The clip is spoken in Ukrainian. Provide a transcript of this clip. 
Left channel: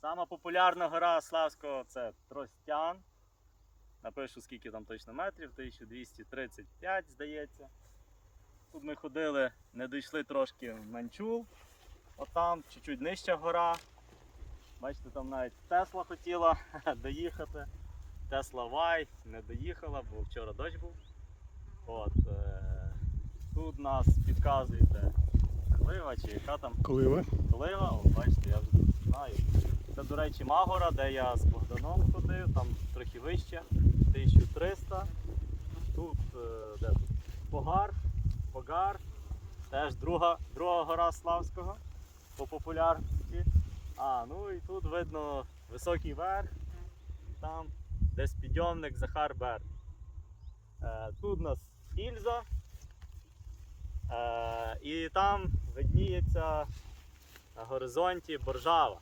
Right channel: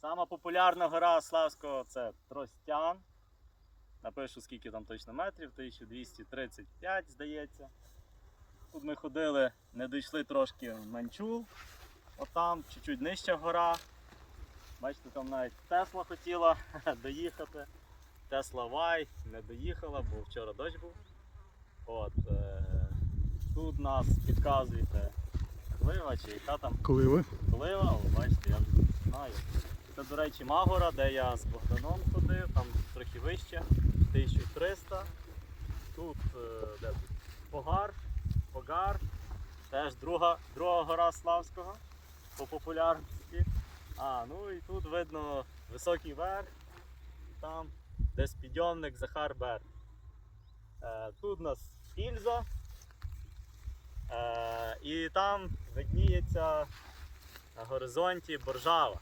Сама популярна гора Славського це Тростян. Напишу, скільки там точно метрів, 1235, здається. Тут ми ходили, не дійшли трошки в Манчул. Отам, чуть-чуть нижча гора. Бачите, там навіть Тесла хотіла доїхати. Тесла Вай не доїхала, бо вчора дощ був. От, е, тут нас підказуєте Клива чи яка там Коли ви? Клива, о, бачите, я вже тут знаю. Це, до речі, Магора, де я з Богданом ходив, там трохи вище, 1300. Тут, е, де тут? Погар, Погар, теж друга, друга гора Славського по популярності. А, ну і тут видно високий верх, там десь підйомник Захар Бер. Е, тут у нас Ільза. Е, і там видніється на горизонті Боржава.